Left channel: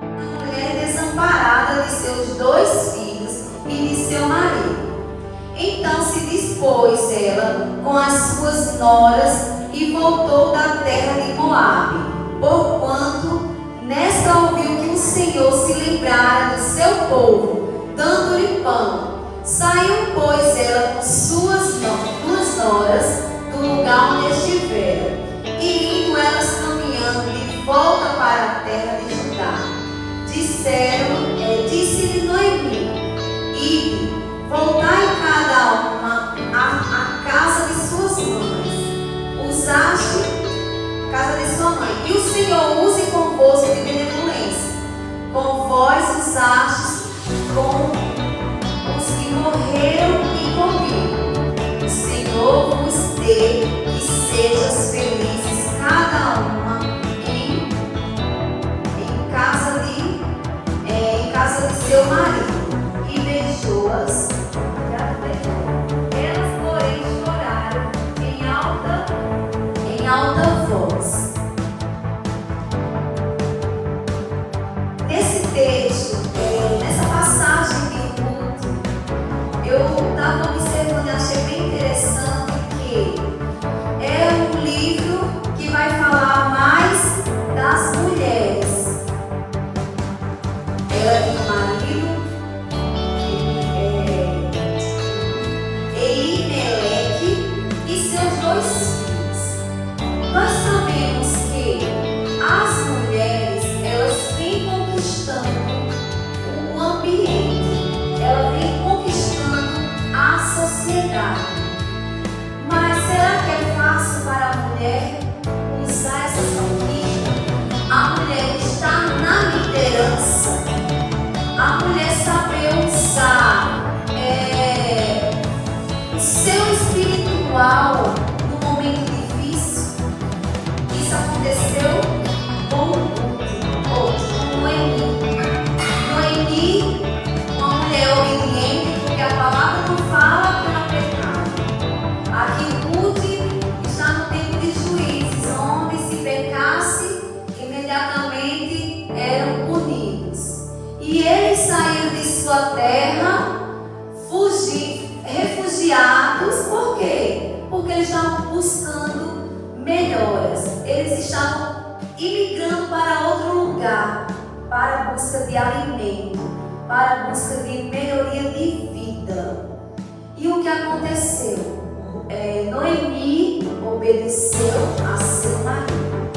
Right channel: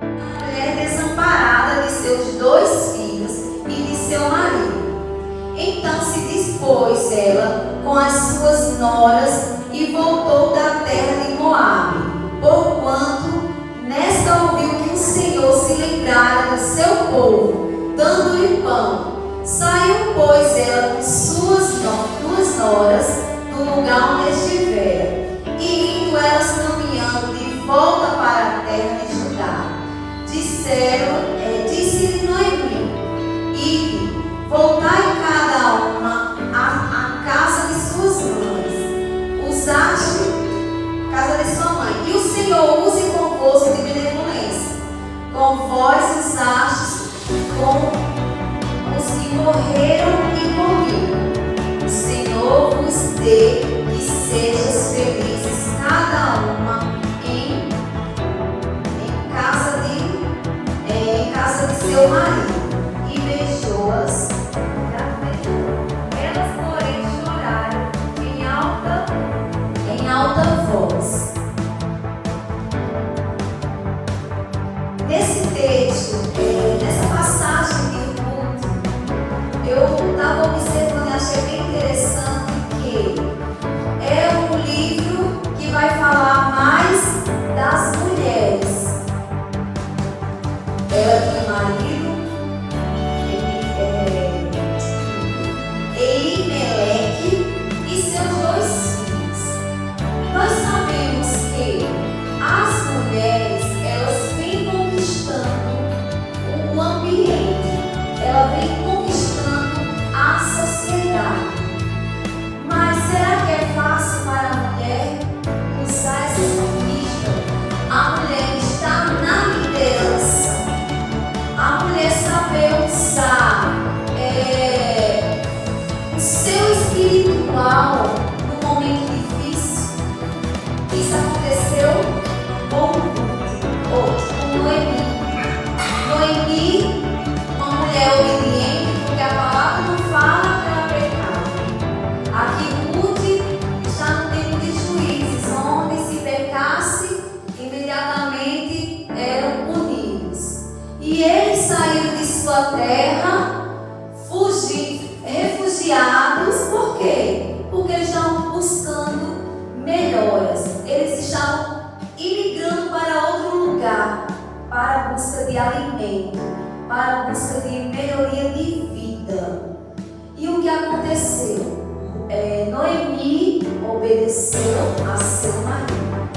A mulher desamparada de seus 2 filhos e de seu marido. Então se dispôs ela com as suas noras e voltou da terra de Moabe, porquanto nesta ouviu que o Senhor se lembrara do seu povo, dando-lhe pão. Saiu, pois, ela com suas 2 noras do lugar onde estivera, e indo elas caminhando de volta para a terra de Judá, disse-lhe Noemi: ide, voltai cada uma à casa de suas mães, casa de sua mãe, e o Senhor use convosco de benevolência, com vós usastes com os que morreram e comigo. O Senhor vos dê e sejam felizes cada uma em casa de seu marido. E beijou-as. Elas, porém, choraram em alta voz. Nesse texto, nessa passagem de Ruth, eu estava observando e achei bem interessante que é um livro que vai falar mais das mulheres. Ela tinha marido, Elimelec e seus 2 filhos. Nós sabemos que as mulheres, elas vêm conquistando o ambiente, ela vem conquistando a sociedade. Mas será que é fácil para a mulher usar essa conquista? A mulher está na liderança. A mulher saber usar o seu espiritual no momento difícil. Isso aconteceu com Noemi. Noemi, uma mulher obediente, porque a palavra não fala para pecar. Aqui Ruth está no tempo de Juízes, onde se pecasse, imediatamente eram punidos. E eles saíram de sua terra, refugiados. Por quê? Porque eles estavam buscando melhoras. Eles estavam imigrando para outro lugar, para a busca de alimento, para a busca de melhoria de vida. E o que aconteceu? Noemi obedeceu a seu marido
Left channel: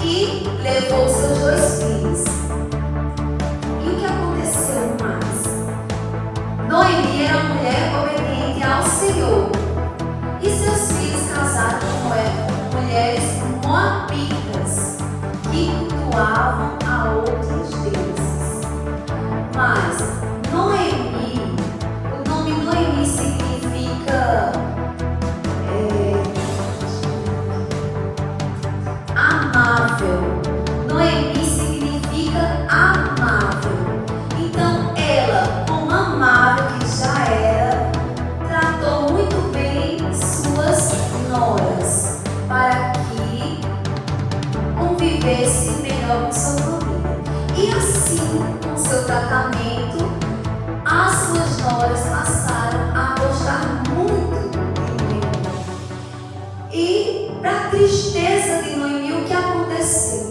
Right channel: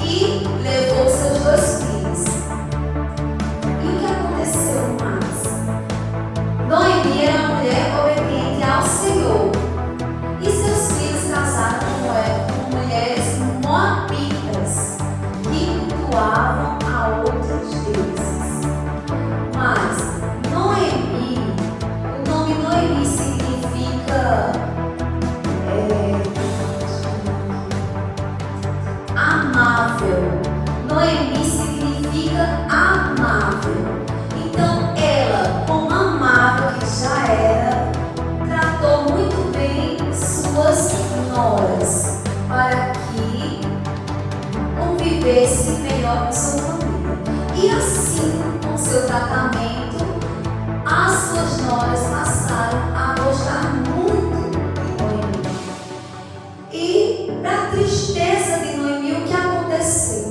e levou seus 2 filhos. E o que aconteceu mais? Noemi era uma mulher obediente ao Senhor. E seus filhos casaram com mulheres moabitas que cultuavam a outros deuses. Mas Noemi, o nome Noemi significa amável. Noemi significa amável. Então ela, como amável que já era, tratou muito bem suas noras para que convivesse melhor com sua família. E assim, com seu tratamento, as suas noras passaram a gostar muito de Noemi. E para a tristeza de Noemi, o que aconteceu?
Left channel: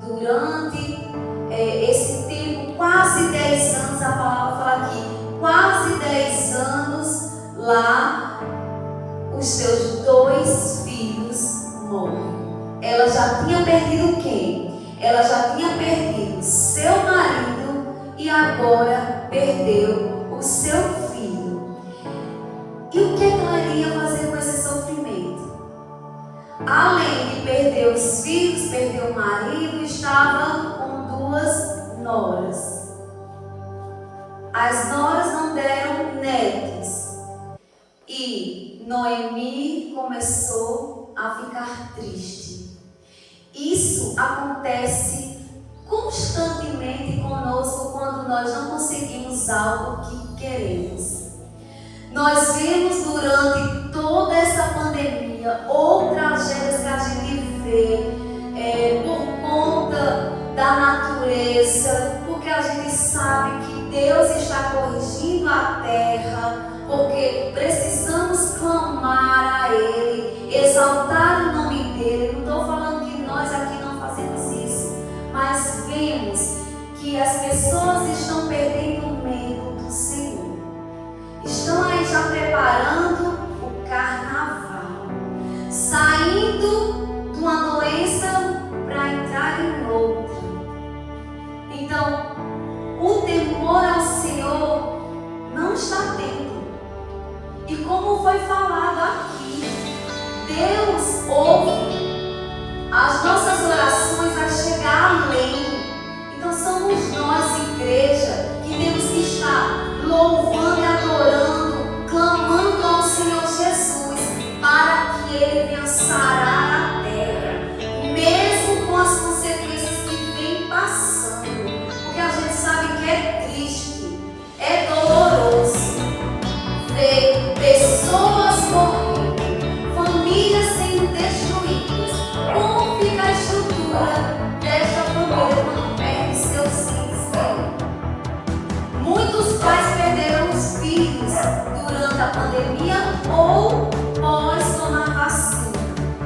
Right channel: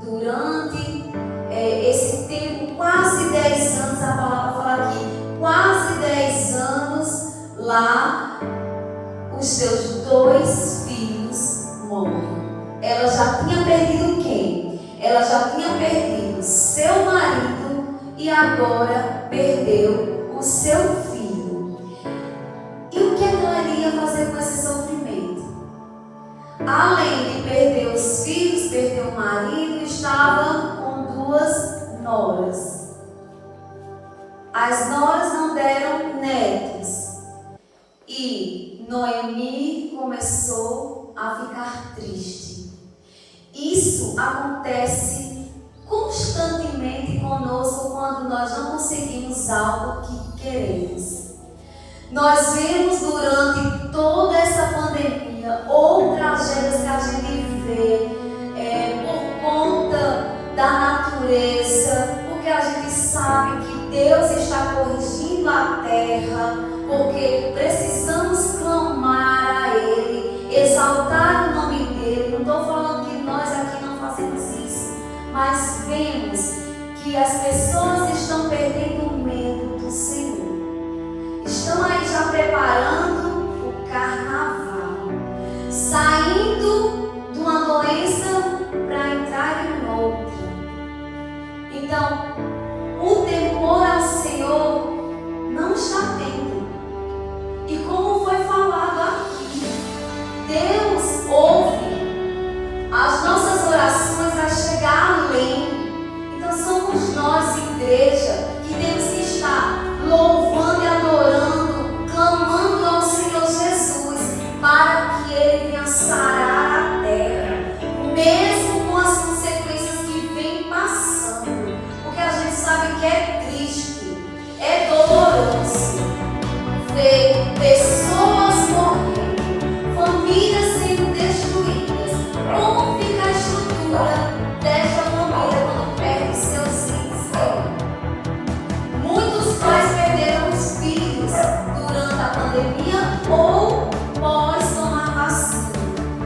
Durante esse tempo, quase 10 anos, a palavra fala aqui, quase 10 anos lá, os seus 2 filhos morrem. Ela já tinha perdido quem? Ela já tinha perdido seu marido e agora perdeu o seu filho. E o que ela iria fazer com esse sofrimento? Além de perder os filhos, perder o marido, estava com 2 noras. As noras não deram netos. E Noemi começou a ficar triste. Isso acontece constantemente conosco quando nós não conseguimos algo que queremos. Nós vemos durante toda essa pandemia ou tragédias que a gente vê por conta da natureza amadureça, porque a gente sabe que Deus está corrigindo a terra, porque precisamos clamar a Ele, exaltar o nome dEle. Não estou falando que nós aqui não fazemos isso, mas vemos que as pessoas estão perdendo o medo do Senhor. Estão aí já preparando o carnaval, saindo de uma doença para entrar em outra. Então, o temor ao Senhor não está tendo. E como foi falado aqui, Deus ouve as nossas orações, vai chegar além. Então somos nós, igreja, que temos que estar louvando e adorando, clamando ao Senhor Jesus, para que Ele venha sarar a terra, mesmo com as consequências que vem passando, porque a gente sabe que é triste, é doloroso ver pessoas morrendo, famílias sendo destruídas. Como fica a estrutura desta família quando perde seus filhos? Muitos pais perderam os filhos durante a pandemia ou pós tomar vacina.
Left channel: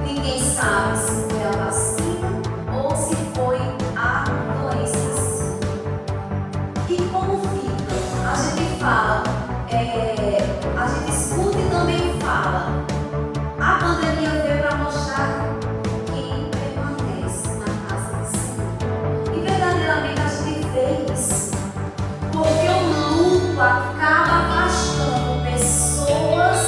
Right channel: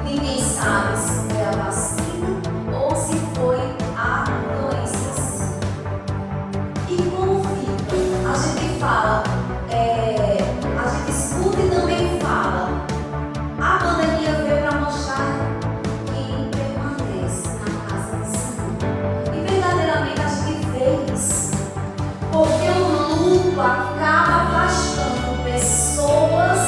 Ninguém sabe se foi a vacina ou se foi a doença em si. E como fica? A gente fala, a gente escuta e também fala. A pandemia veio para mostrar quem permanece na casa do Senhor. E verdadeiramente a gente vê isso, porque o luto acaba afastando pessoas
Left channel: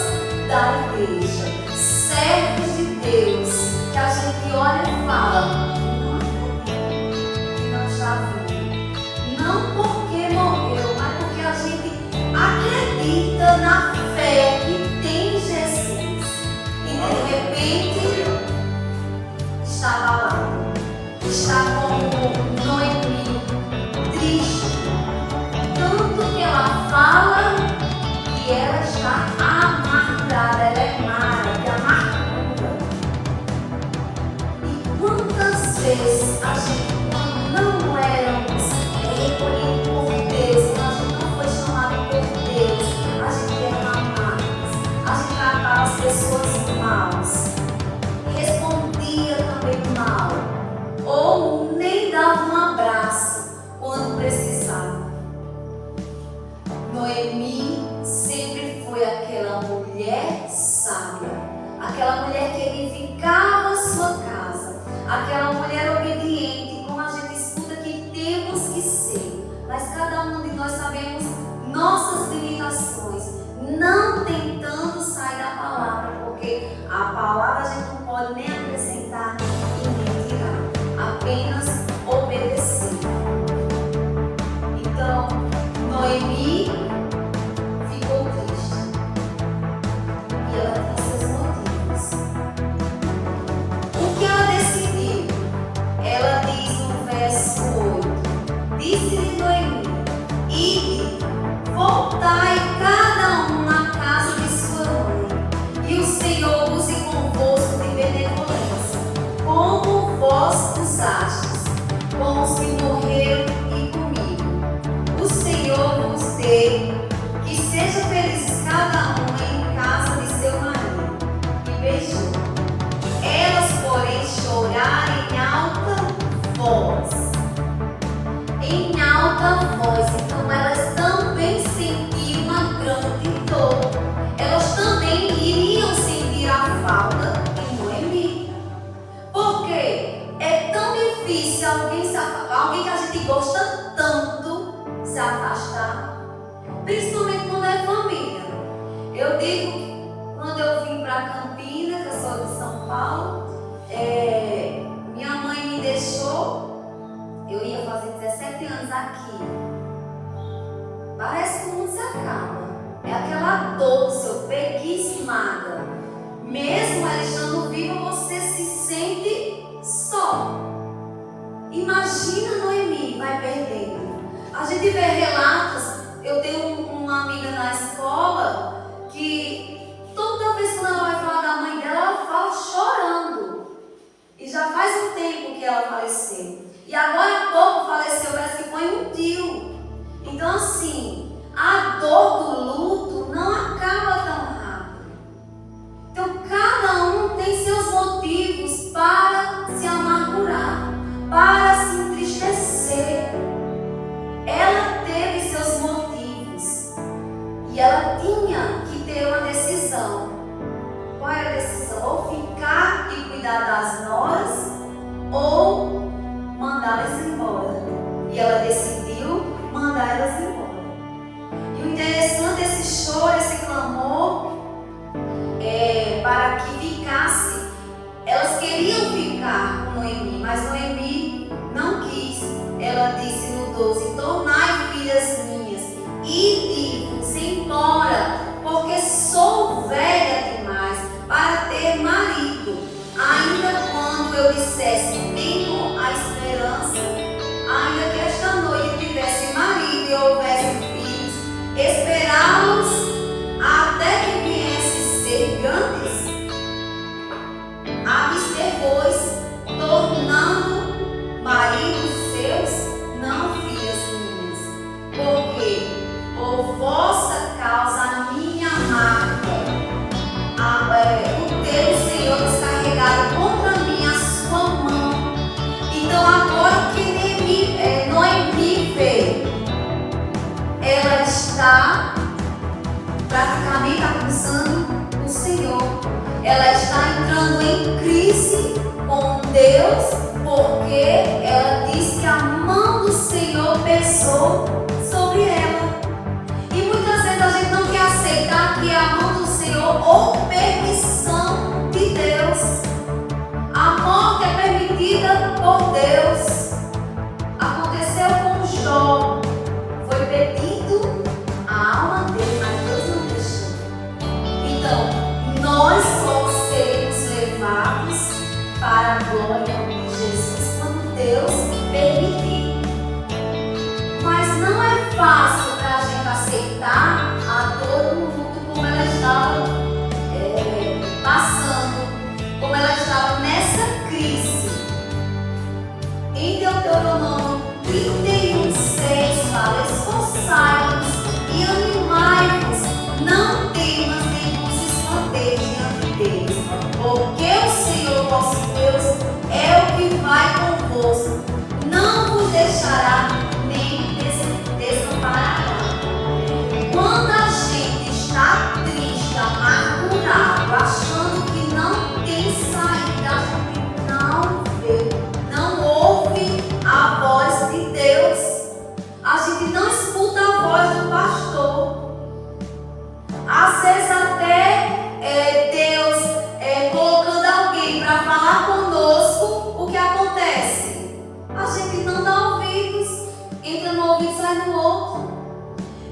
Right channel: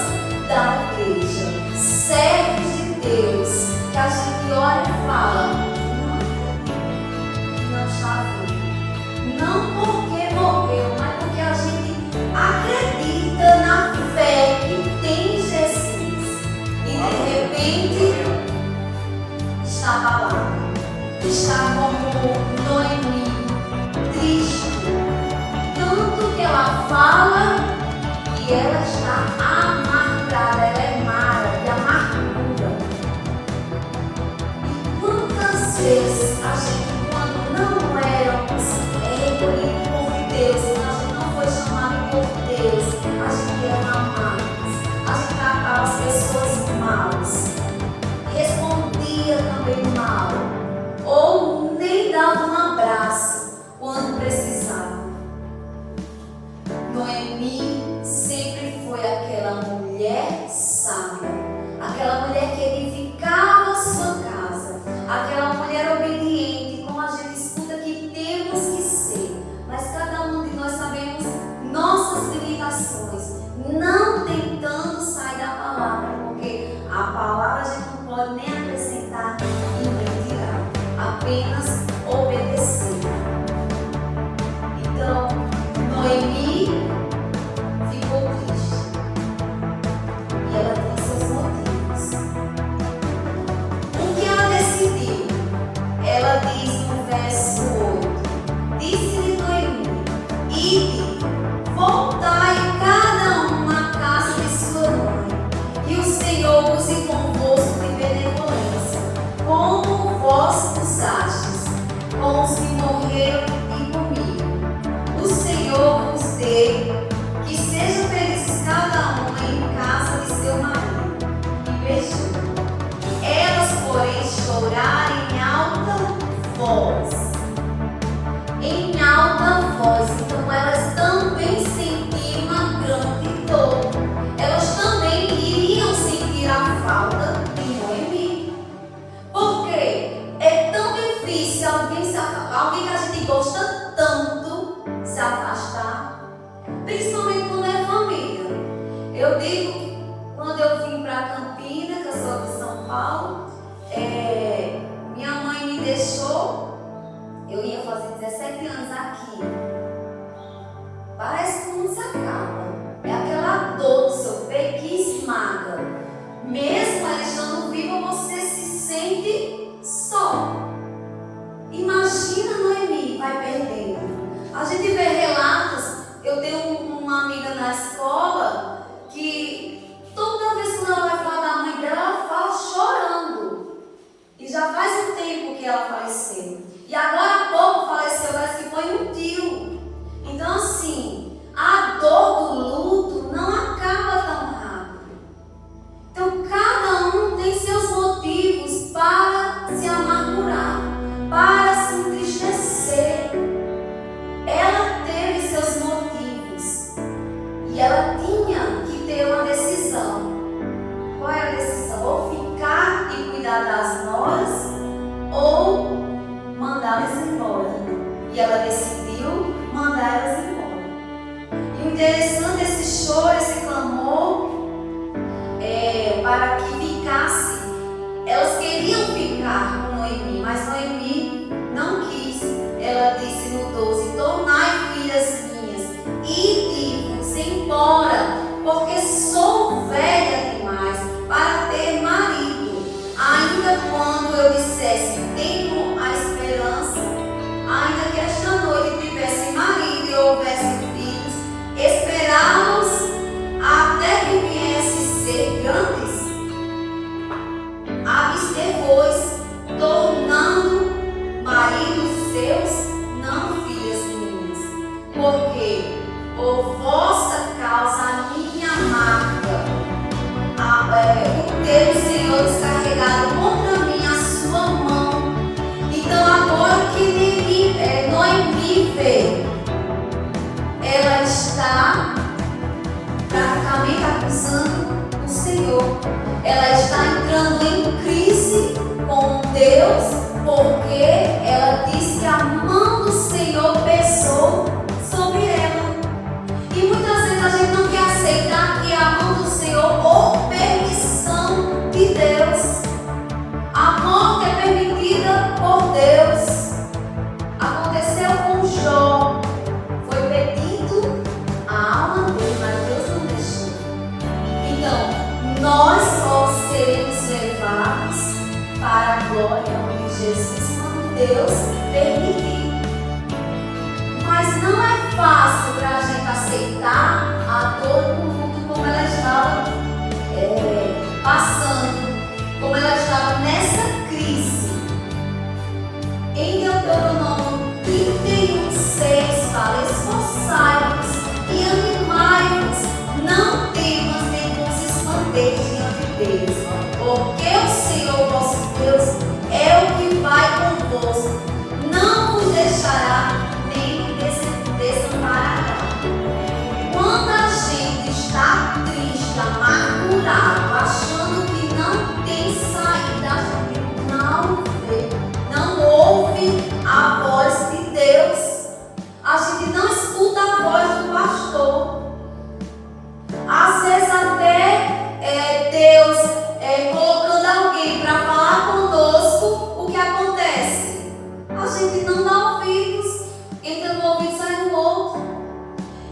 da igreja, servos de Deus, que a gente olha e fala, não está vivo. Não porque morreu, mas porque a gente acredita na fé que tem em Jesus. E de repente está abalado, está como Noemi, triste, tanto que ela fala que ela está amargurada, ela é mara de amargura. E quantas vezes a gente, quando não éramos recolhidos por Deus, quando a gente não foi chamado por Deus, a gente era amados, a gente tratava as pessoas maus, respondia também mal, ou nem dava um abraço quando precisava. Noemi sempre foi aquela mulher sábia, aquela mulher que edificava a sua casa, aquela mulher obediente, como a gente escuta que temos que ser. Mas cada um de nós sabemos nossas limitações, não tentando sair da palavra, porque a palavra a gente não pode nem acrescentar e nem tirar, apenas obedecer. Então, Noemi ficou triste e ela tinha seus motivos. O que ela decidiu? Ela diz no verso 8: disse-lhe Noemi: ide, voltai cada um na casa de sua mãe, e o Senhor use convosco de benevolência, como vós usastes com os que morreram e comigo. O Senhor vos dê, que sejam felizes cada um em casa de seu marido. E beijou. Elas, porém, choraram em alta voz. Em alta voz. Então elas também sentiram uma grande dor. Elas também iriam sentir a falta de Noemi. Por quê? É tão difícil alguém que a gente gosta tanto se afastar, principalmente quando é família. Eu digo que quando eu vim para Campina, que eu sou de São Paulo, minha mãe me deixou, eu ia fazer 17 anos aqui. Parece que o mundo se acaba. É aquela dor do seu peito que esmaga. Mesmo ela estando viva, você se sente só. Imagina Noemi, vai perdendo. A gente vê relatos. Eu tenho uma amiga na escola que toda vez que ela vai falar da mãe dela, ela fala chorando. E já faz um tempo que ela faleceu. E agora há pouco faleceu Então assim, a dor do luto não acaba tão rápido. Então cada um tem seus motivos para se amargurar, para se entristecer. Ela teve seus motivos e ela tinha que ter uma decisão. Qual era a decisão? Ou ficar e cuidar das noras, ou mandá-las embora. E ela decidiu mandá-las embora. E o interessante, esse choro, esse clamor, para que ficasse. Elas queriam ficar com Noemi, mas Noemi não quis. Ela disse no 12: tornai filhas minhas, ide-vos embora, porque sou velha demais para ter marido. Ainda quando eu dissesse, tenho a esperança, ainda que esta noite tivesse marido e houvesse filhos, esperá-los até que viesse ser grandes, abster-vos, tornando maridos seus, não filhas minhas, porque por vossa causa a minha marca, o teu Senhor descarregado contra mim a sua mão. Então agora o que Noemi vê, ela está praticamente acusando o Senhor. Ela está entrando em crise com Deus, porque ela diz que a mão do Senhor pesou sobre ela. E muitas vezes a gente não quer aceitar que é a mão do Senhor ou permissão de Deus. A morte é permitida por Deus. Aconteceu com Jó. Foi pedido a alma dele, mas Deus não deixou. Então, nós só seremos levados para a glória de Jesus quando Deus permitir. Mas não é fácil para a gente aceitar a dor do mundo como ela estava passando, como ela estava nessa crise. Em Deuteronômio 31:6 fala: esforçai-vos e animai-vos, não temas nem vos escondeis diante deles, porque o Senhor vosso Deus é o que vai convosco, não vos deixará nem desamparará. Quando a gente está triste, amargurado, achando que não tem saída, a gente não vê, não ouve a voz de Deus. A gente não escuta a voz do pastor. Às vezes até Deus colocando alguém para falar conosco, o que acontece? A gente não dá ouvidos, entra no ouvido e sai no outro.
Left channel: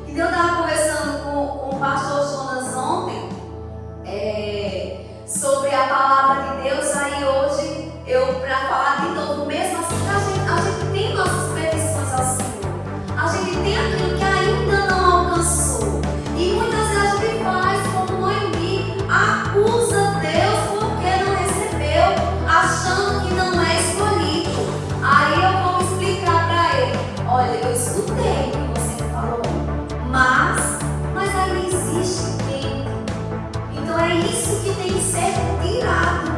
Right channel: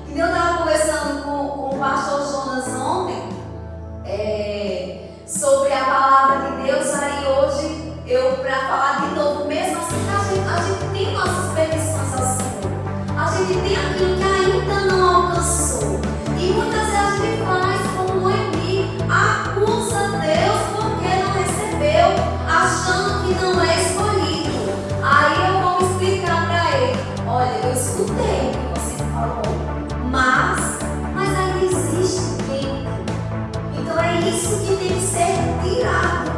E eu estava conversando com o pastor Jonas ontem sobre a palavra de Deus. Aí hoje para falar de novo, mesmo assim, a gente tem nossas petições ao Senhor, a gente tem aquilo que ainda não alcançou, e muitas vezes a gente faz como Noemi, acusa Deus porque não recebeu, achando que não é escolhido. Aí eu vou explicar para ele: olha, eu escutei o que você falou, mas ainda existe tempo. Então é isso que tem que ser tirado.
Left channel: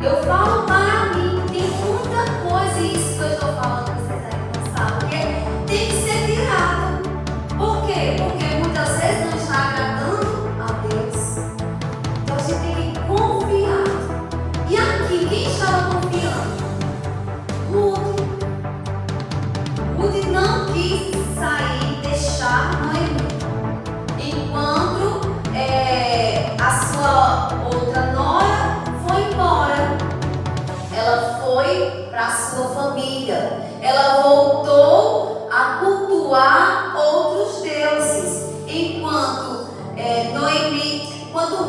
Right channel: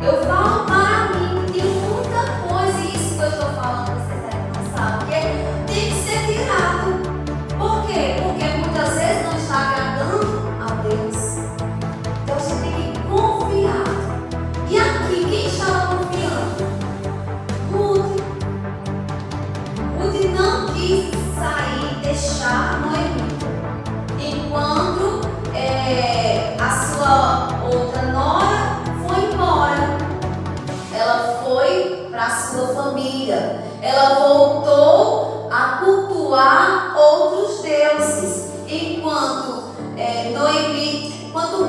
Eu falo para mim, tem muita coisa, e isso que eu estou falando, você está cansado, porque tem que ser tirado. Por quê? Porque muitas vezes não está agradando a Deus. Então a gente tem que confiar. E aqui, quem estava confiando? Ruth. Ruth não quis sair, deixar Noemi, enquanto a sua outra nora foi embora. Ela foi para a sua família. Ela voltou a cultuar outros deuses. Enquanto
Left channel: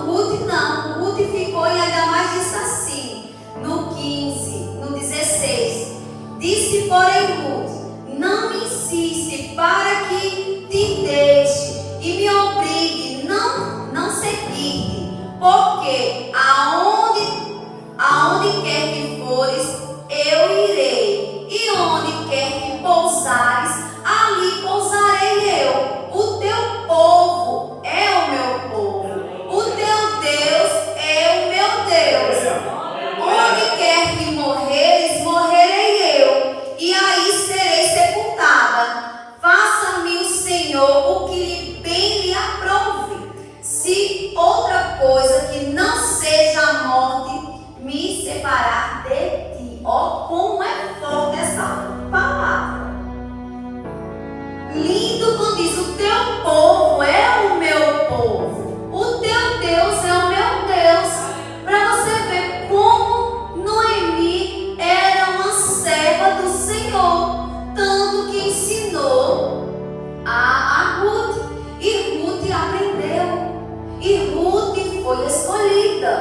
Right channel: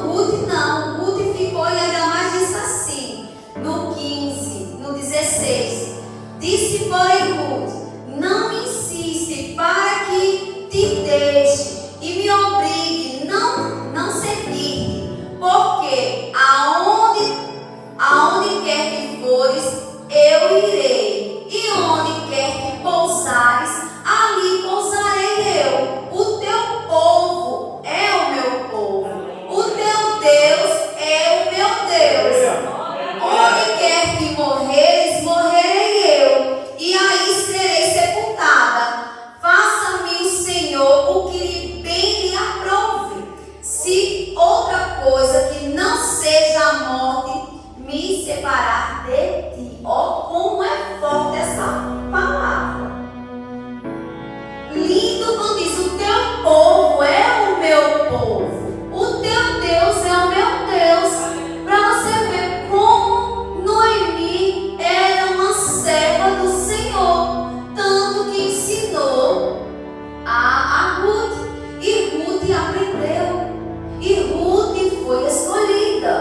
Ruth não. Ruth ficou, e ainda mais disse assim, no 15, no 16. Disse, porém, Ruth: não me insiste para que te deixe e me obrigue não seguir, porque aonde quer que fores, eu irei, e onde quer que pousares, ali pousarei. povo é o meu povo, o teu Deus é o meu Deus. Para você ver como Noemi era uma serva do Senhor, tanto que ensinou a Ruth, e Ruth aprendeu, e Ruth foi escolhida,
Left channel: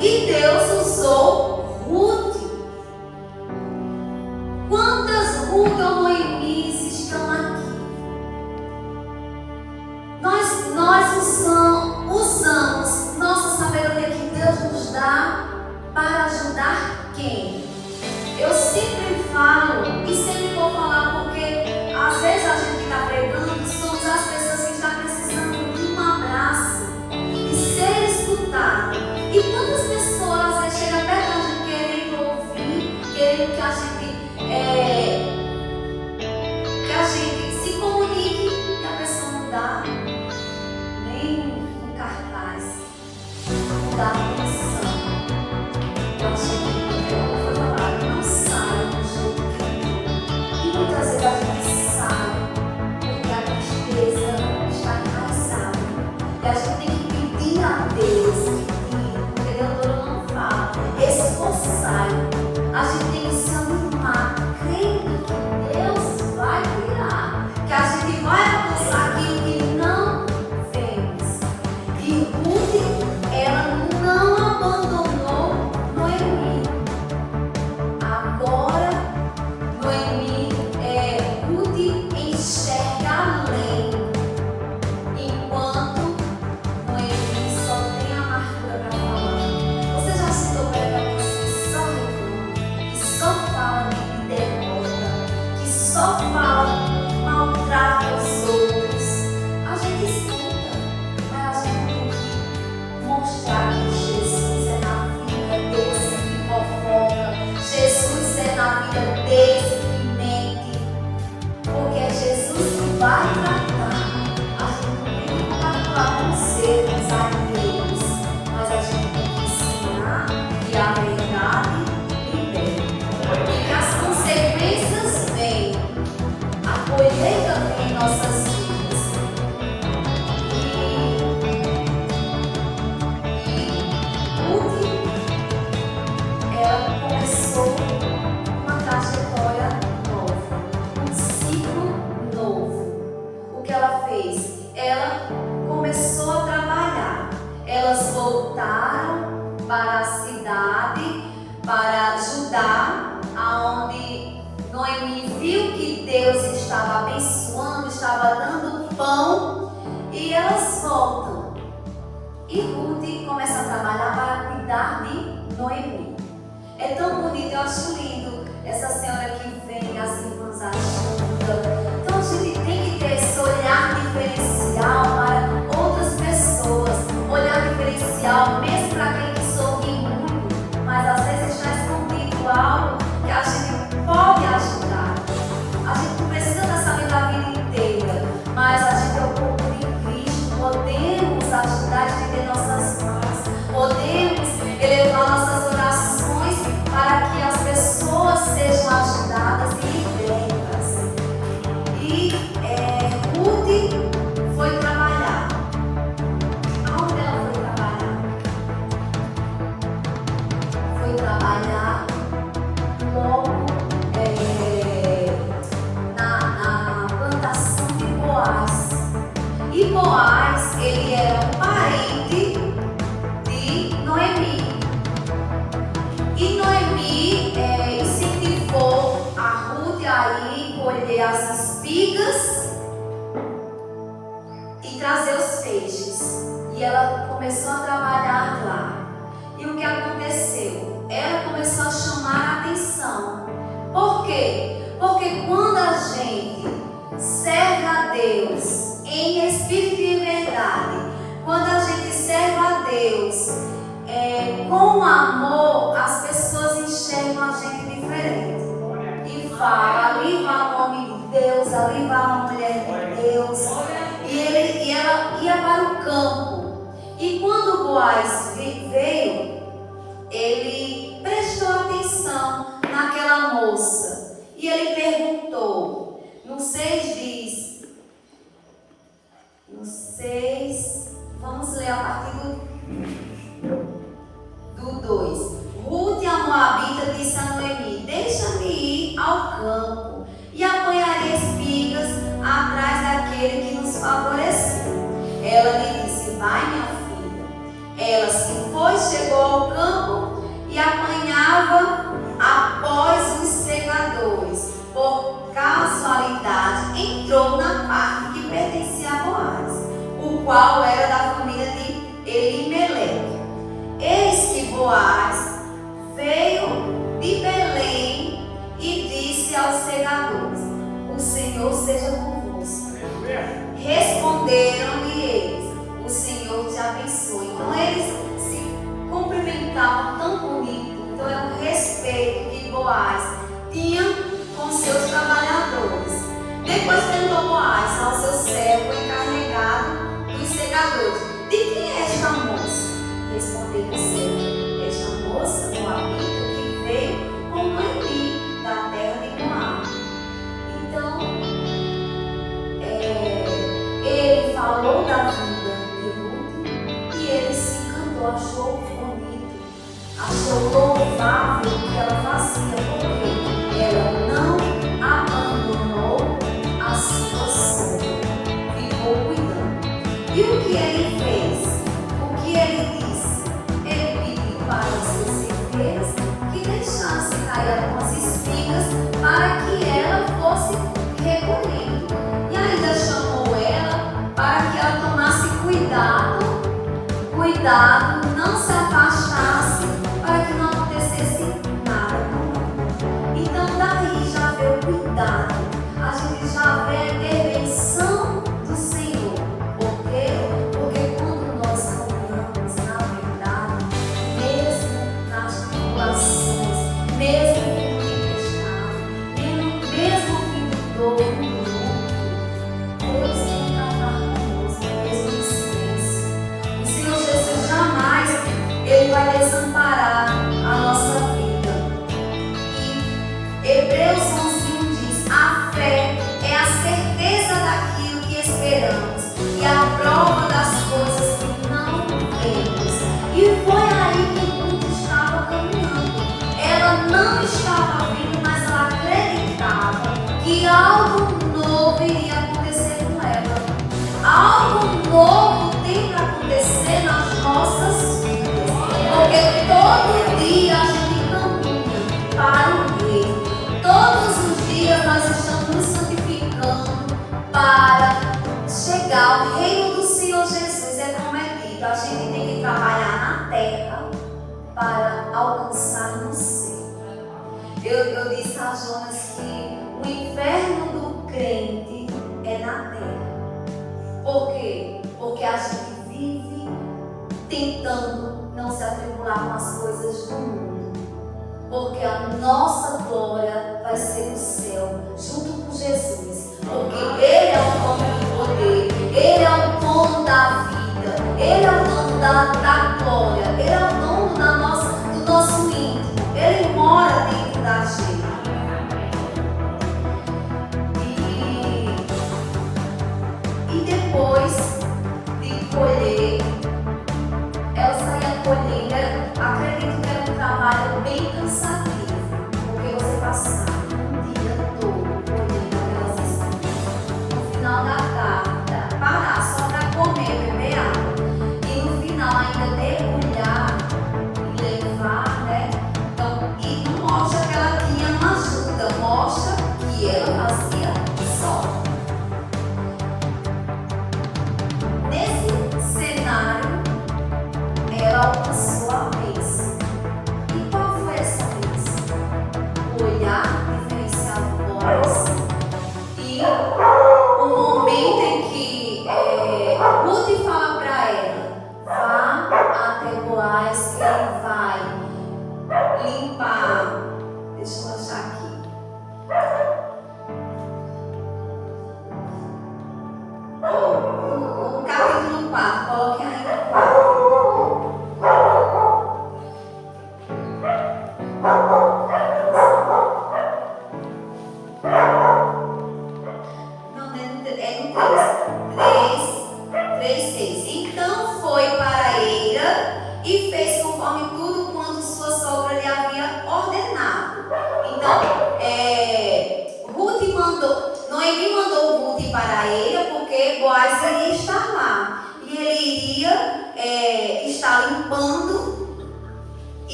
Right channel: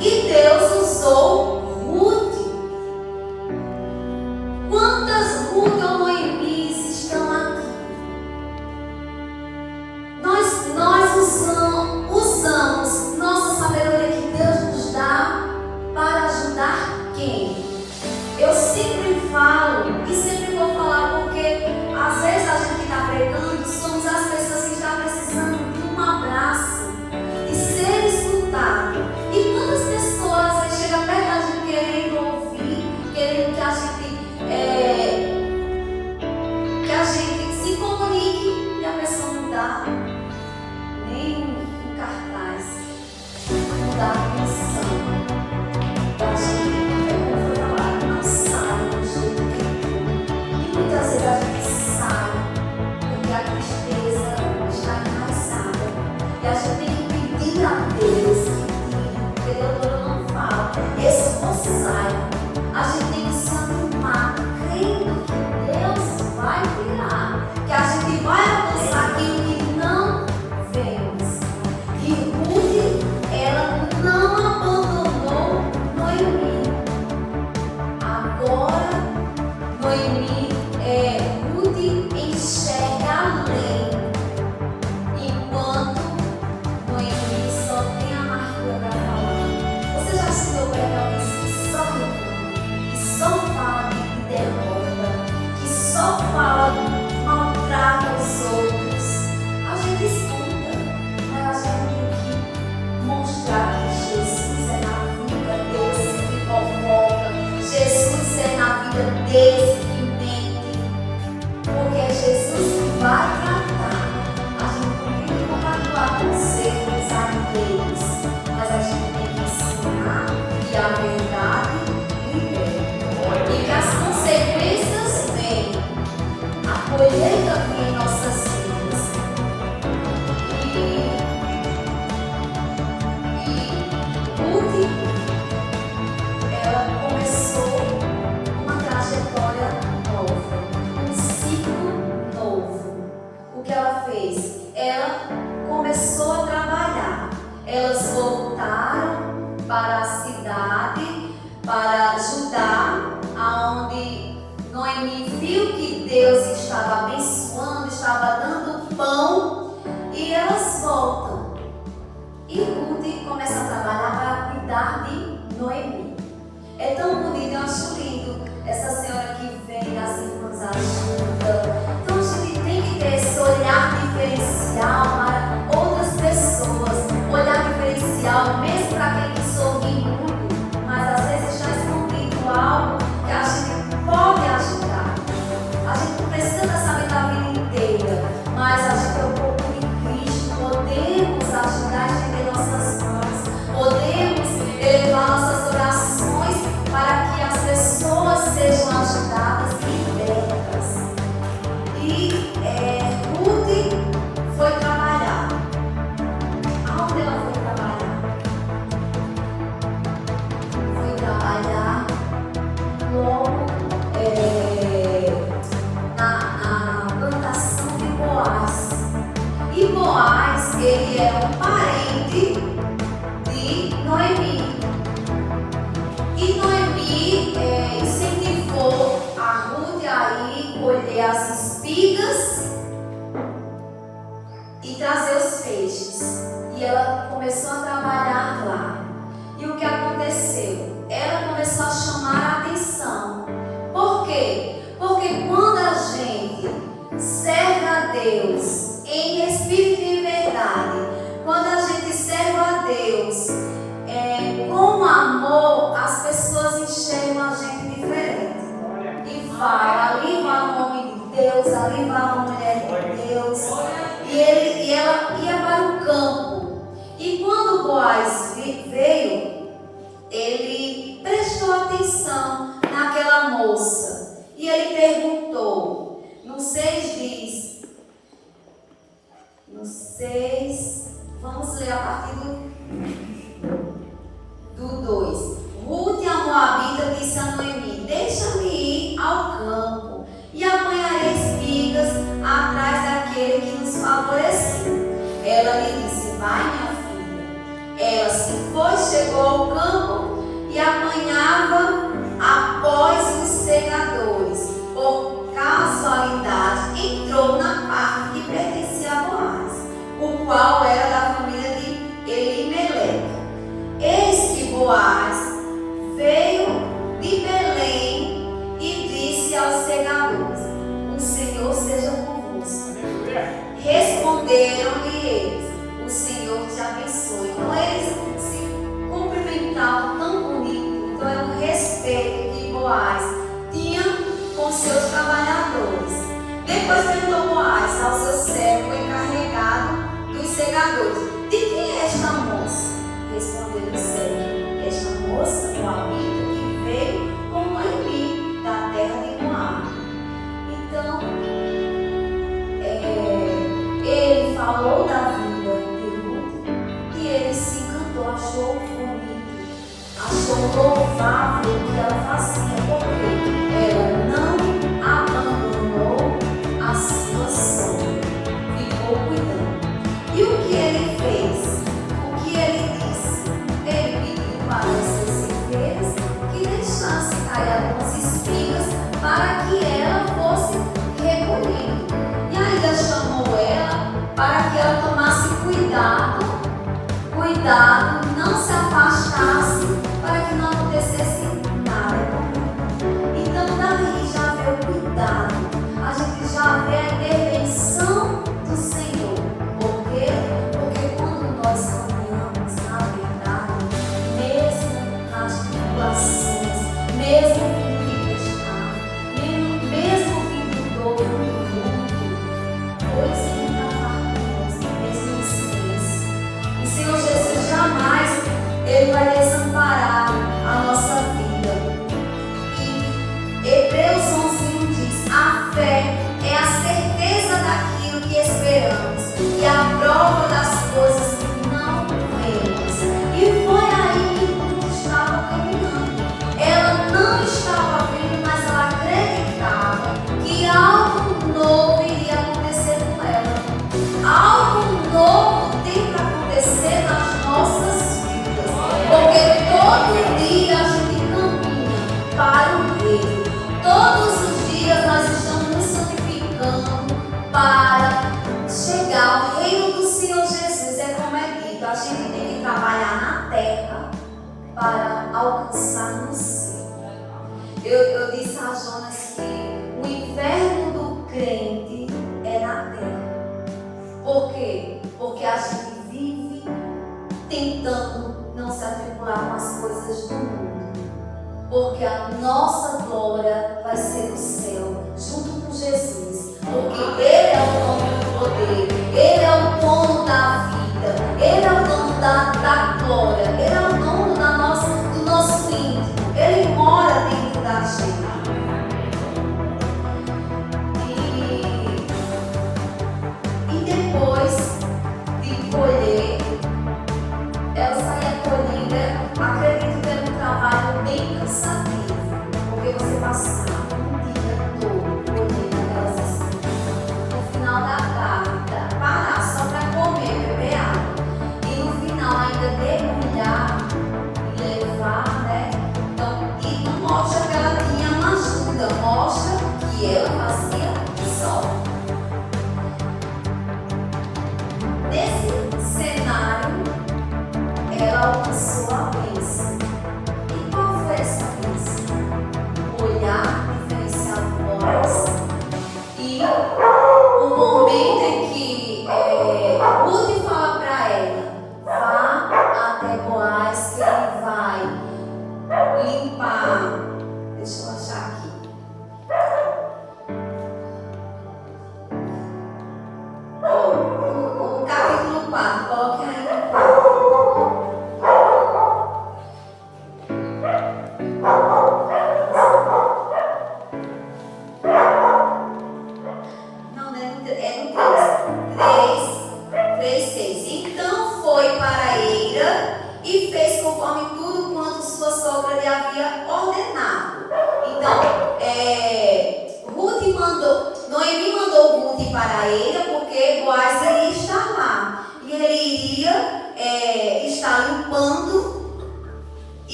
e Deus usou Ruth. Quantas Ruth ou Noemis estão aqui? Nós usamos nossa sabedoria que Deus nos dá para ajudar quem? Eu sempre falo e sempre vou falar, porque às vezes a gente está pregando e somos as pessoas que estão precisando de um abraço, de ser escutado. E quantas pessoas às vezes chegam perto da gente querendo ouvir, querendo que a gente se comunique, e a pessoa não dá nem um cartaz, não dá atenção. Eu acho que ela foi trabalhar na sala do jeito que é. E muitas vezes a gente sai porque a tristeza está enraizada. E a gente tem que pedir a Deus, porque Deus não fala, esforçai. A gente tem que se animar, crendo que Deus vai virar, que a gente vai alcançar aquilo que não vemos. E Ruth, ela não abandonou Noemi. Agora, Ruth enxerga além, enquanto Noemi só tem a amargura para falar. Você já se deu conta que só reclama, que só fala de derrota, que só fala, maltrata os outros? A gente escuta, mas a gente tem que mostrar que Jesus é na vida desse que fofoca, Jesus é na vida desse que mente, porque é Jesus que vai tratar. A gente não vai atuar com seres alheios, mas a gente tem que ensinar que a verdade liberta e que as consequências vêm, a colheita vem em nossas vidas. E Ruth, ela começou uma trajetória nova, um ciclo novo. O que ela fez? Ela começou a trabalhar. Elas voltaram para a cidade, para Judá, aonde Noemi viu que Deus estava abençoando, estava dando pão, e elas voltam. E Ruth começa a trabalhar para cuidar de Noemi. É tão bonito, eu acho lindo essa senhora que vem, as irmãs ajudam. Então a gente tem que ter esse olhar diferencial para outras pessoas, olhar diferencial mesmo para aquele que sorri muito, mas às vezes está escondido algo que a gente pode ajudar. A gente não precisa estar sabendo a vida inteira, mas a gente é o corpo de Cristo, podemos ajudar, estender nossas mãos, podemos elevar nossas orações para que as pessoas sejam ajudadas e libertas. E Ruth foi trabalhar. Aonde ela foi trabalhar? Foi trabalhar como na plantação de Boaz. E Boaz, ele era um parente de Noemi. E Noemi incentivou a Ruth a ir colher as espigas e trazer os feixes. E ela começou a trabalhar lá. E o que aconteceu? Ela começou a chamar a atenção. Por quê? Porque quando a gente serve a Deus em espírito e verdade, quando a gente serve a Deus com amor, as pessoas enxergam a gente diferente. E vai, ali vai o nome de Deus, ali vai a mulher de Deus. E ela ia para o campo. E quando Boaz veio, ele prestou atenção naquela moça. E ele perguntou, no 6 diz: Ela se foi, chegou ao campo e apanhava após os segadores. Por casualidade, entrou na parte que pertencia a Boaz, o qual era da família de Elimeleque. Eis que Boaz veio de Belém e disse aos segadores: o Senhor seja convosco. Responderam-lhe eles: o Senhor te abençoe. Então eles se cumprimentavam tão bonito. Então era um respeito que Boaz tinha com seus trabalhadores. Depois perguntou Boaz ao seu servo encarregado dos segadores: de quem é esta moça? Respondeu o servo: esta moça, Moabita, que veio com Noemi da terra de Moab. Então, ele falou da vida de Ruth e ele se encantou, achou bonito, achou louvável o que ela fazia, porque ela não abandonou a situação, ficou cuidando. E o que ele fez? O que ele disse? Ele pediu para seus serveiros que deixasse cair algumas espigas para que ela fosse recolhendo. E ainda chamou ela para que ela tomasse cuidado, não se afastasse para que não acontecesse nada. Então daí já vê o cuidado, a gente já vê a intervenção do Senhor. Por quê? Porque quando nós caminhamos na verdade, mesmo nas tribulações, mesmo mesmo vindo dor, Deus ainda faz conosco, Deus nos fez. O Senhor Jesus jamais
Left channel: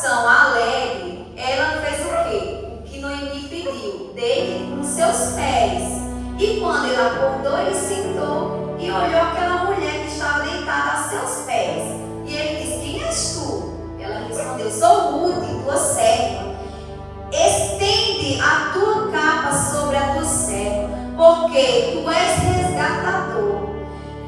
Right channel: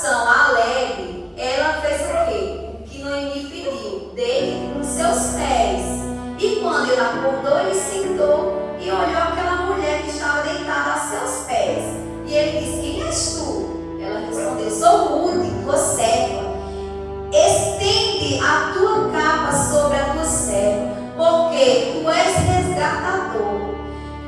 coração alegre, ela fez o quê? O que Noemi pediu, deite nos seus pés. E quando ele acordou, ele sentou e olhou aquela mulher que estava deitada a seus pés. E ele disse: quem és tu? Ela respondeu: sou Ruth, tua serva. Estende a tua capa sobre a tua serva, porque tu és resgatador.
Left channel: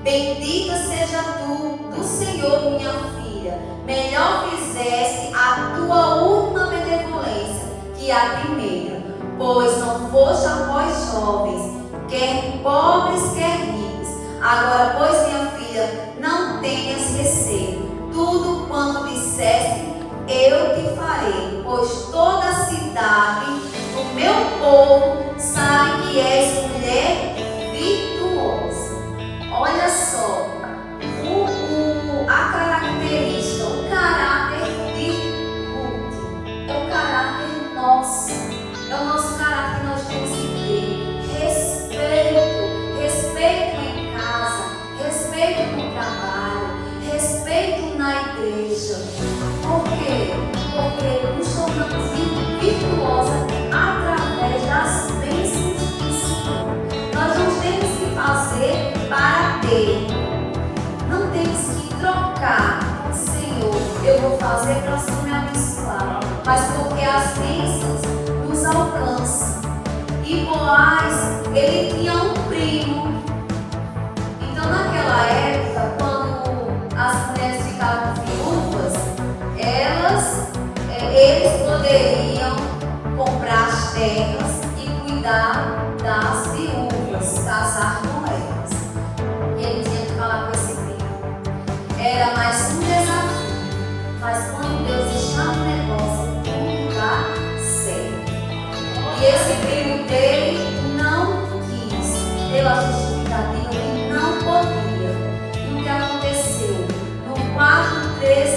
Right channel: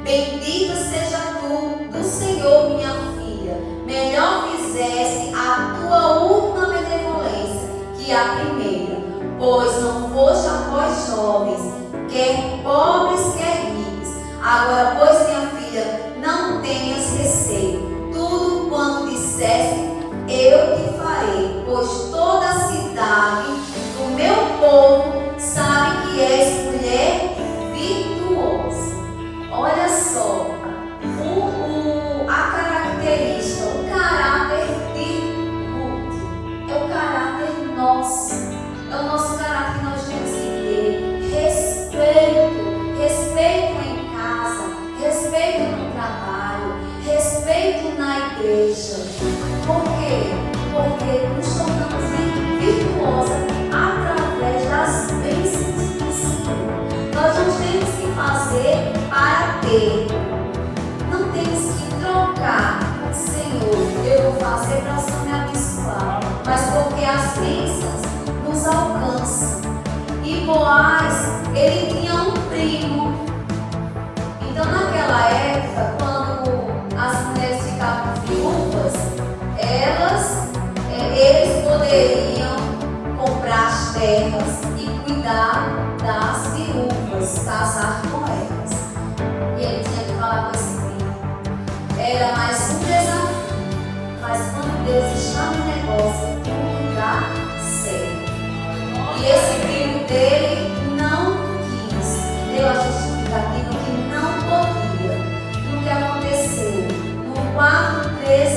Bendita seja tu do Senhor, minha filha. Melhor fizeste a tua última benevolência que a primeira, pois não foste após jovens, quer pobres, quer ricos. Agora, pois, minha filha, não tenhas receio. Tudo quanto disseste, eu te farei, pois toda a cidade do meu povo sabe que és mulher virtuosa. Olha só, a característica, o caráter de Ruth, é o caráter nosso, é o nosso caráter que nós temos que ter. Respeito em casa, respeito no trabalho, respeito na igreja. Por quê? Porque nos tornamos virtuosos através das bênçãos do Senhor. Nós não temos que fazer para ter, não temos que trocar. Senhor, eu vou fazer para o Senhor me abençoar, mas porque as bênçãos nos alcançam. E Boaz, ele tinha um primo. Então, naquela época, quando as mulheres ficavam viúvas, eles poderiam comprar as terras e cuidar das viúvas, casar com elas. E ele tinha que falar com esse primo. Era mais um desafio, mas quando Deus está no negócio, tudo dá certo. E esse primo dele não quis, deu a justificativa que não podia. E o que aconteceu? No 4:13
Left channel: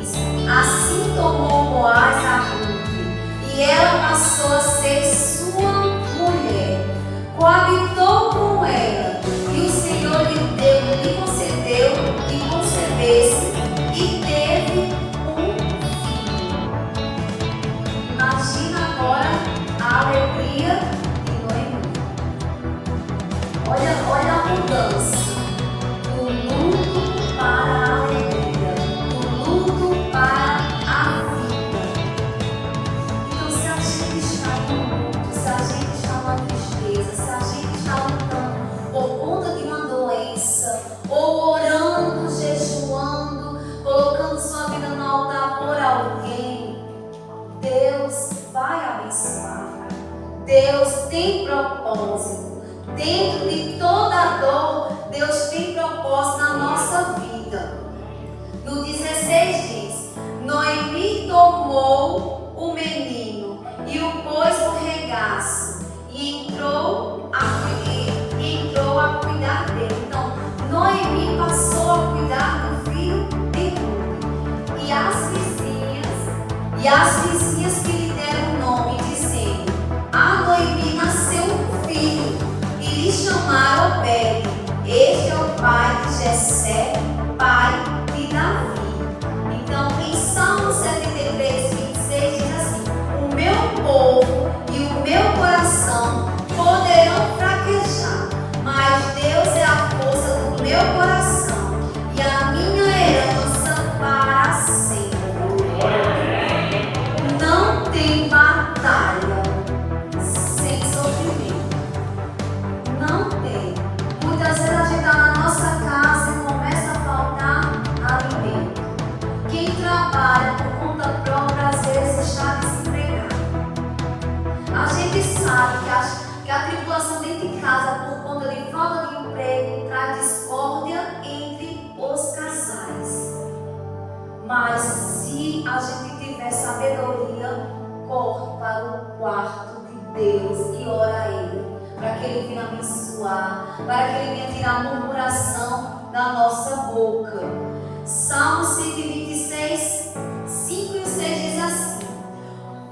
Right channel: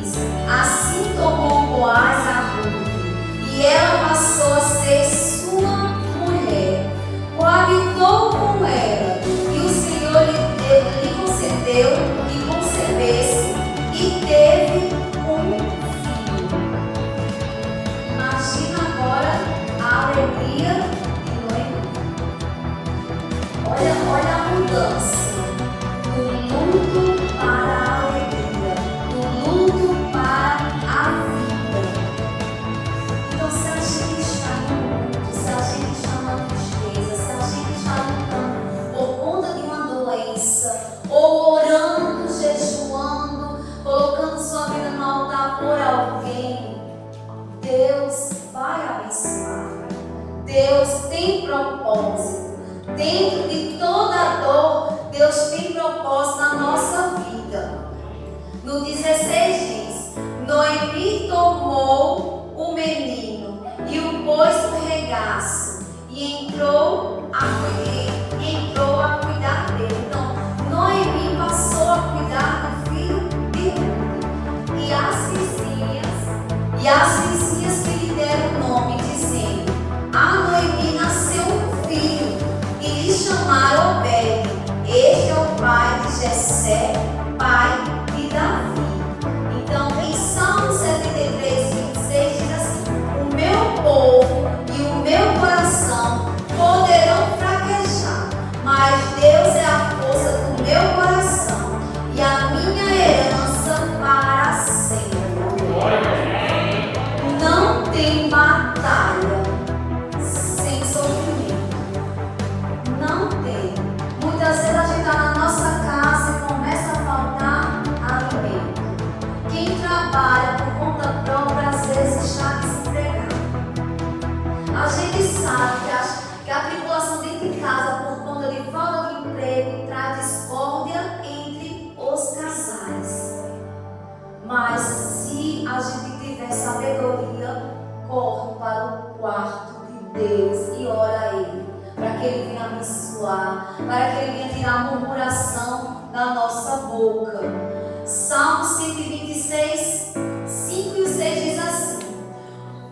diz: assim tomou Boaz a Ruth, e ela passou a ser sua mulher, coabitou com ela, e o Senhor lhe concedeu que concebesse e teve um filho. Imagina agora a alegria de Noemi. Olha a mudança do luto para a alegria, do luto para a vida. Então, se a gente está em luto, se a gente está na tristeza, se a gente está lutando por conta de uma doença, ou orando, jejuando, colocando sua vida no altar por alguém, Deus vai abençoar. Deus tem propósito. Dentro de toda dor, Deus tem propósito na nossa vida. No 16 diz: Noemi tomou o menino e o pôs no regaço e entrou a cuidar dele. Então, Noemi passou a cuidar do filho de Ruth. E as vizinhas que lhe deram o nome, dizendo: a Noemi nasceu um filho, e lhe chamaram Obed. Este é o pai de Jessé, pai de Davi. Então, em Salmo 73, 26 diz assim: o meu povo e o meu coração poderão fraquejar, mas Deus é a força do meu coração e a minha herança para sempre. Não tem batalha sem sofrimento. Não tem. Muitas vezes a gente está na nossa casa e começa a faltar alimento. Quem trabalha por conta própria às vezes está desempregado. A gente sabe que a tribulação dentro de casa por conta de falta de emprego traz discórdia entre os casais. Mas se a gente tiver sabedoria, corre para o quarto de Deus e ora a Ele, para que Ele venha abençoar, para que Ele venha tirar a murmuração da nossa boca. Salmo 126, 5 e 6 diz assim:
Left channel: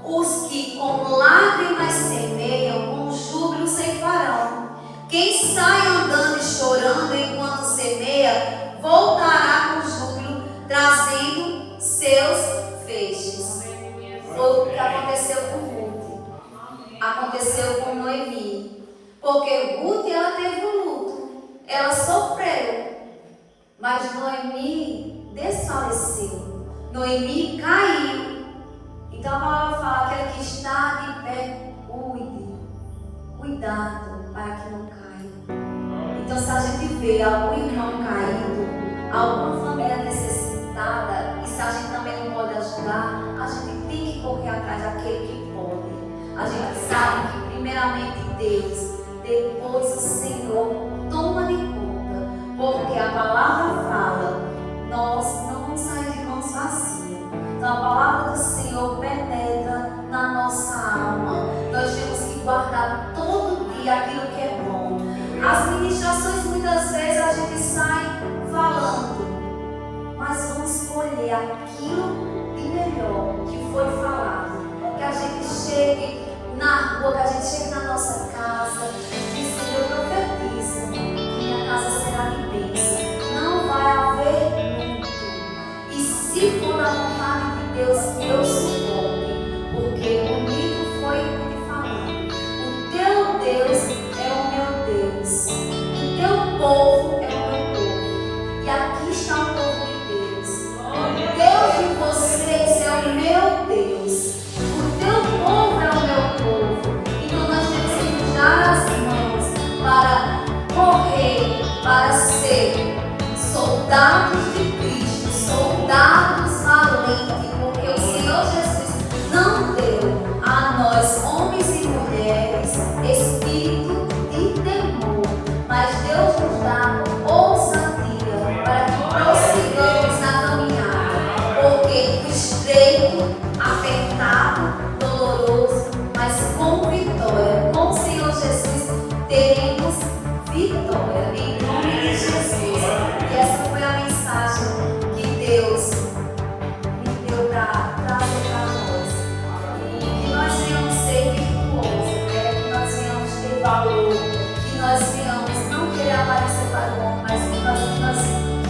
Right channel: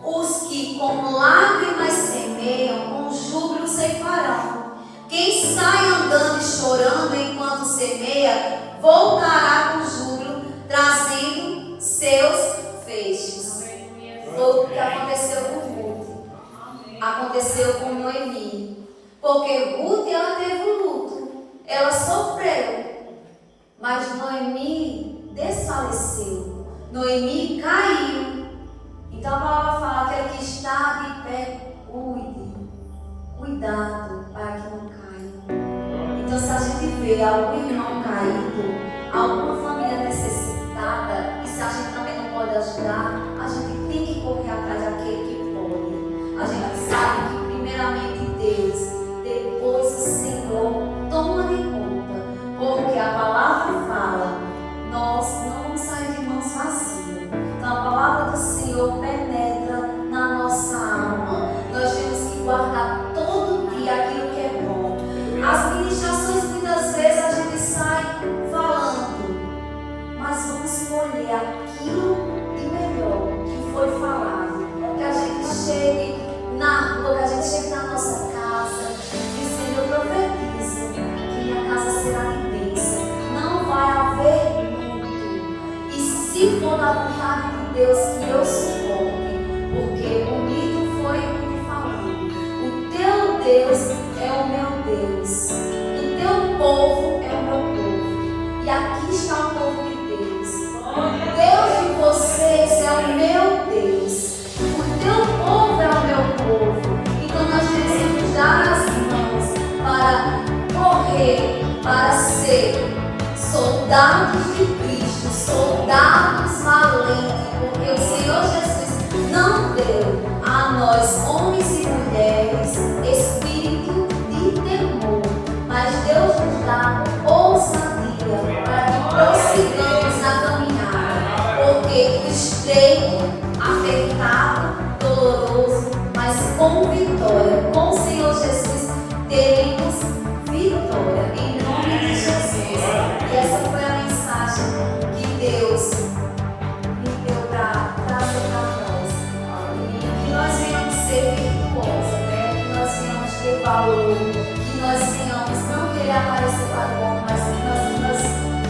os que com lágrimas semeiam, com júbilo ceifarão. Quem sai andando e chorando enquanto semeia, voltará com júbilo, trazendo seus feixes. que aconteceu com Ruth, aconteceu com Noemi. Porque Ruth, ela teve um luto, ela sofreu, mas Noemi desfaleceu, Noemi caiu. Então a palavra fala: aquele que está de pé, cuidado para que não caia. Então, se a gente vê algum irmão caído, alguma família necessitada, e se a gente também não pode ajudar, a gente tem que correr atrás daquele que pode. A gente sabe que primeiramente Deus, depois o Senhor toma de conta, porque a palavra fala: nós não vamos sair de mãos vazias. Então a palavra do Senhor penetra na nossa alma. Nós temos que guardar todo dia aquilo que é bom. As ministrações, muitas vezes a gente sai falando, mas vamos escolher aquilo de melhor que foi falado. Que a gente chegue na rua, que a gente chegue na nossa casa e o Senhor profetiza que minha casa será de bênção. Não vai haver luto. E se for da vontade de Deus, que eu suporte, porque o mito foi o que falando. O teu Deus é o meu Deus. O teu povo é o meu povo. E aqui está o povo de Deus. O Deus de vocês é o meu Deus. O teu povo é o meu povo. Então nós temos que nos dar as mãos para correr, para ser soldados de Cristo, soldados valentes, porque o Senhor Jesus não deu a nós, homens e mulheres, espírito de temor, mas Deus nos dá ousadia para que prossigamos na caminhada, porque estreito, apertado, doloroso, mas com vitória, com o Senhor Jesus teremos vitória, em nome de Jesus. E essa foi a mensagem que Deus me deu para trazer para nós. E que nós venhamos ser virtuosos, né? Que nós venhamos ter valor, que nós venhamos não querer aparecer para o mundo, mas que nós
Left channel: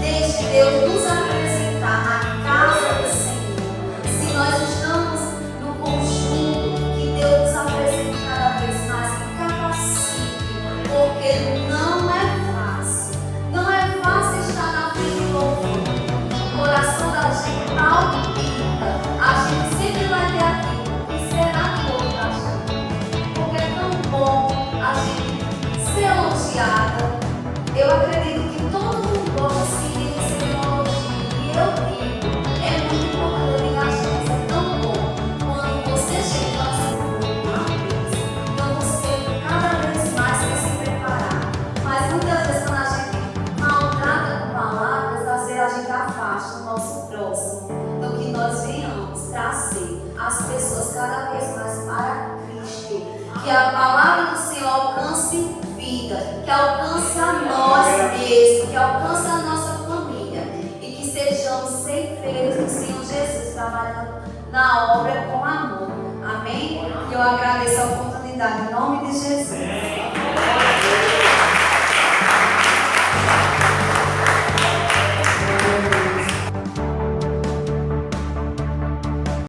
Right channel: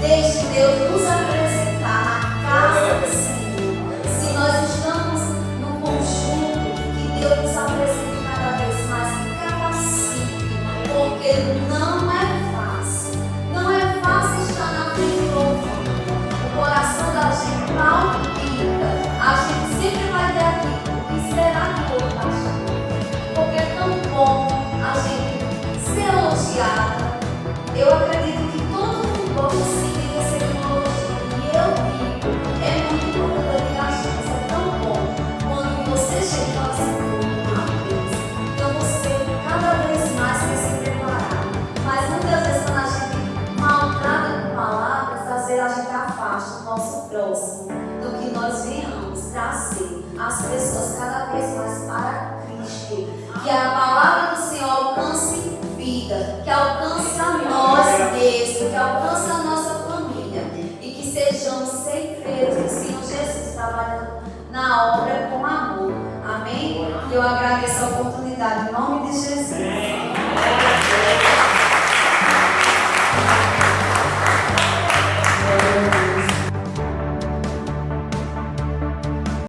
deixe Deus nos apresentar na casa do Senhor. Se nós estamos no conjunto, que Deus nos apresente cada vez mais, que capacite, porque não é fácil. Não é fácil estar na frente do povo. O coração da gente palpita. A gente sempre vai ter aquilo. O que será que o outro está achando? Porque é tão bom a gente ser elogiado. Eu acredito que todo mundo gosta de receber uma elogio. E eu digo, é muito bom quando eu digo as coisas. É tão bom quando você chega assim com uma vez. Então você cada vez mais tem que se preparar. Mas muitas vezes quando a gente maltrata com palavras, às vezes a gente afasta o nosso próximo. Então que nós venhamos trazer as pessoas cada vez mais para Cristo. Que a palavra do Senhor alcance vida, que alcance a nós mesmos, que alcance a nossa família. E que sejamos ceifeiros do Senhor Jesus, trabalhando na obra com amor. Amém? Eu agradeço a oportunidade em nome de Jesus.